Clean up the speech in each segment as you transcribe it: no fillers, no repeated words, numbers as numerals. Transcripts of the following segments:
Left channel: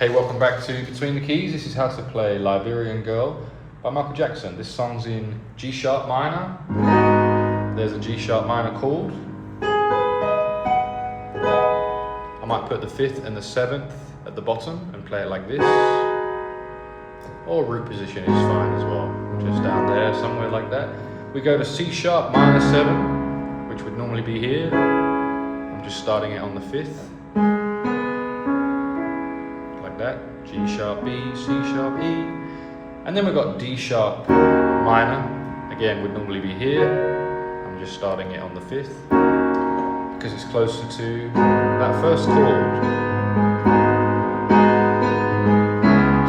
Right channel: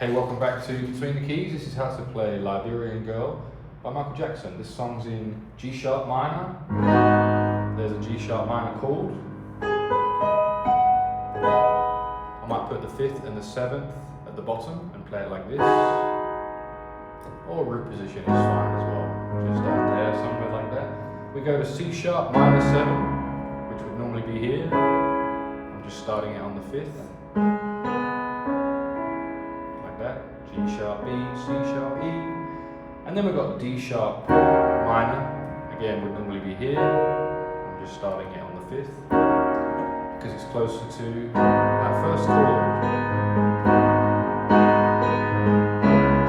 Hey, welcome back to Between the Keys. This is how to play Liberian Girl by Michael Jackson. This song's in G sharp minor. There's a G sharp minor chord. I might put the 5th and the 7th at the bottom and play it like this. Or root position is fine as well. Just down there, somewhere like that. We go to C sharp minor 7, which would normally be here. I'm just starting it on the 5th. That, G sharp B, C sharp E, and then we've got D sharp minor, again would normally be here. I'm just starting it on the 5th because it's closer to that first chord.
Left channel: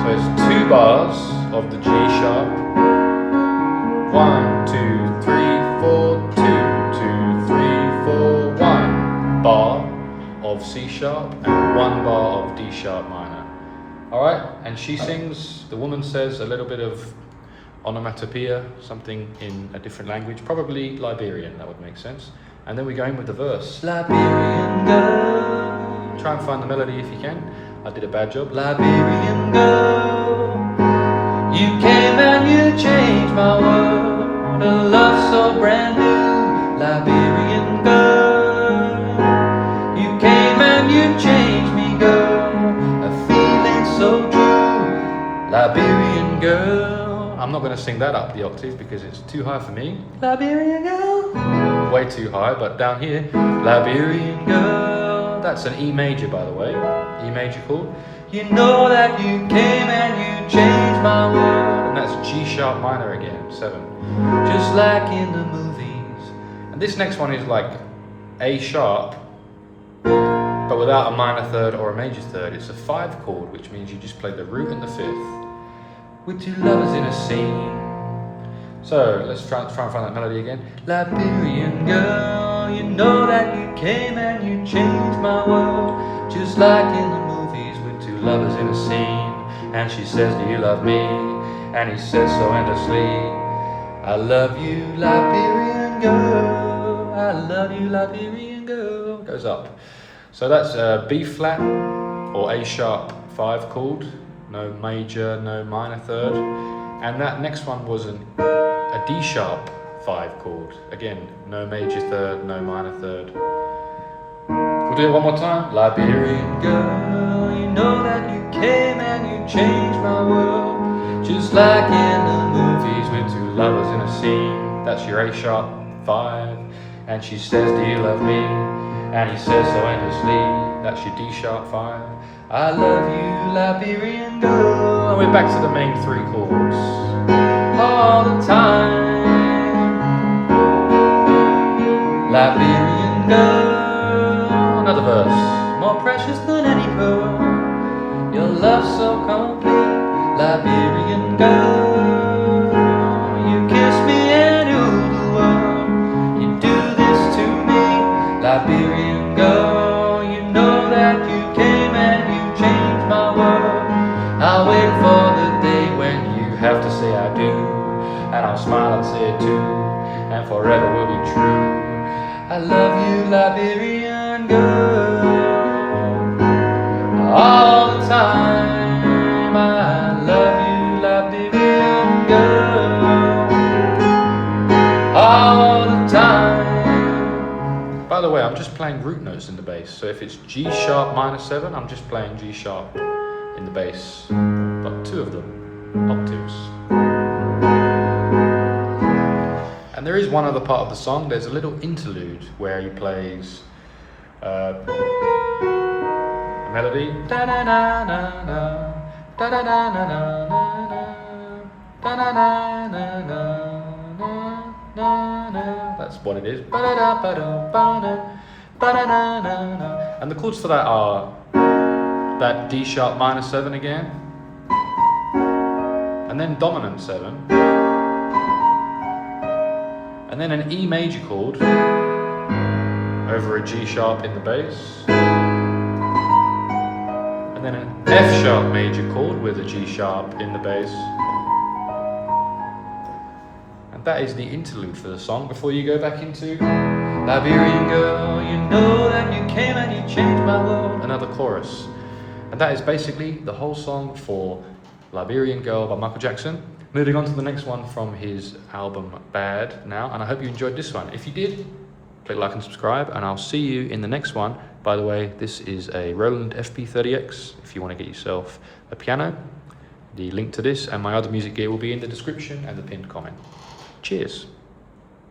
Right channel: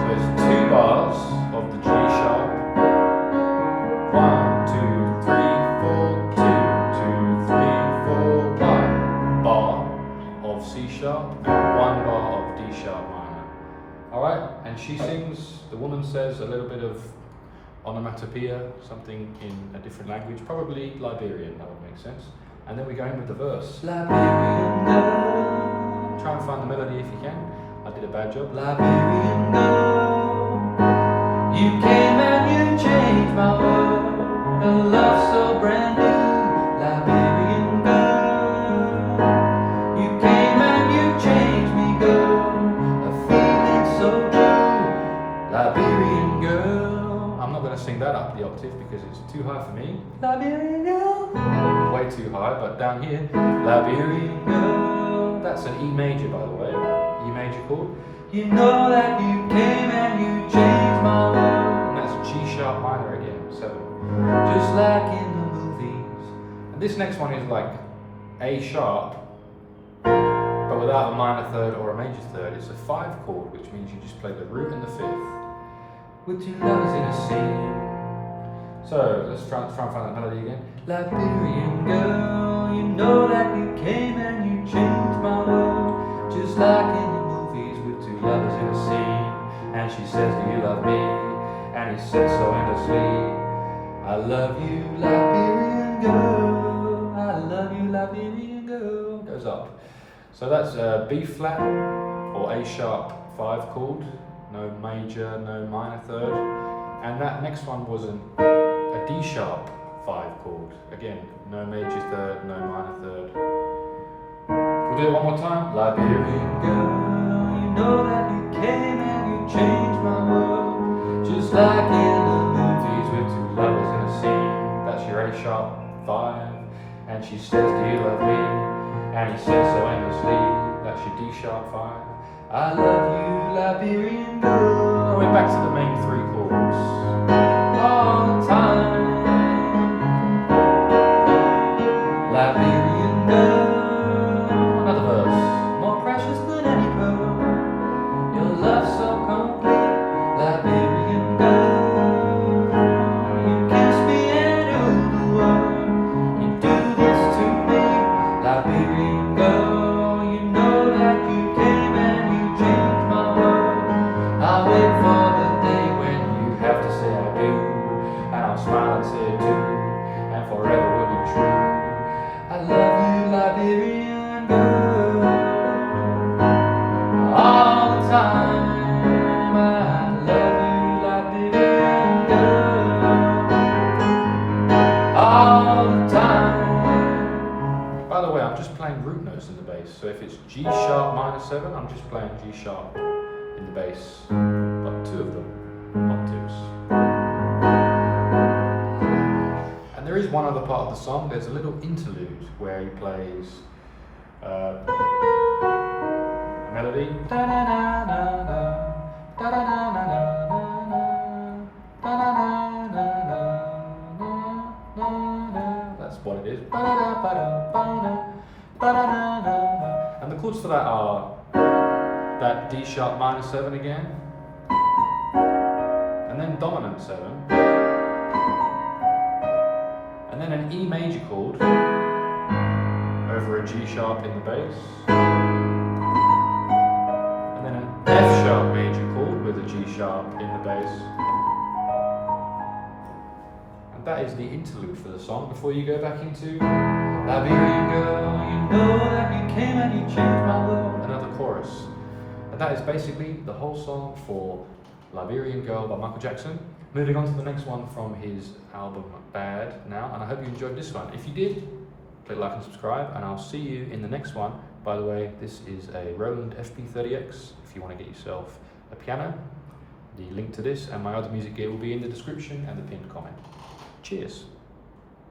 So it's 2 bars of the G sharp, 1, 2, 3, 4, 2, 2, 3, 4, 1 bar of C sharp and 1 bar of D sharp minor. Alright, and she sings, the woman says a little bit of onomatopoeia, something in a different language, probably Liberian, that would make sense. And then we go in with the verse. Liberian girl. Try and find the melody if you can. I did a bad job. Liberian girl, you came and you changed my world. A love so brand new. Liberian girl, you came and you changed me, girl. Liberian girl. I'm not going to sing that up the octave because it's too high for me. Liberian girl. Way too high, but down here. Liberian girl. That's an E major, by the way. E major chord. You know that you came and you changed my world. And that's G sharp minor again, 7. Just like in the movies. And this next one is like A sharp, but without a minor third or a major third. It's a 5 chord, which means you just play the root and the 5th. With 2 lovers in a scene. So let's try and find that melody again. Liberian girl, you know that you came and you changed my world. Just like in the movies with 2 lovers in a scene. And she says, do you love me? And he says so endlessly. I love you, Liberian girl. I love you, Liberian girl. Goes up. So that's B flat or A sharp 5 chord. No major, no minor third. And that next one was a D sharp 5 chord. Again, no major third, no minor third. We'll do it one more time. Liberian girl, you know that you came and you changed my world. Just like in the movies with 2 lovers in a scene. That's your A sharp 5. And she says, do you love me? And he says so endlessly. That's your D sharp 5. I love you, Liberian girl. And we're back to the main 3 chords. All the time. Liberian girl. Another verse. More precious than any pearl. Your love so complete. Liberian girl. You kiss me and rule the world. You do this to me. Liberian girl. You know that you came and you changed my world. I'll wait for the day when you have to say I do. And I'll smile and say it too. And forever we'll be true. I love you, Liberian girl. All the time. I love you, Liberian girl. All the time. By the way, I'm just playing root notes in the bass. So if it's G sharp minor 7, I'm just playing G sharp in the bass. But 2 of them, octaves. And there is one other part of the song. There's a little interlude where he plays a melody. Da da da da da da da da da da da. That's what it is. And the chords for that are that D sharp minor 7 again, and then dominant 7, and then an E major chord over a G sharp in the bass, and then an F sharp major chord with a G sharp in the bass. And that is the interlude for the song before you go back into Liberian girl, you know that you came and you changed my world. Another chorus. And that is basically the whole song for Liberian Girl by Michael Jackson. Moving on to the next one from his album Bad now, and I hope you enjoyed this one. If you did, click like and subscribe, and I'll see you in the next one. By the way, this is a Roland FP-30X. If you want to get yourself a piano, the link to this and my other music gear will be in the description and the pinned comment. Cheers.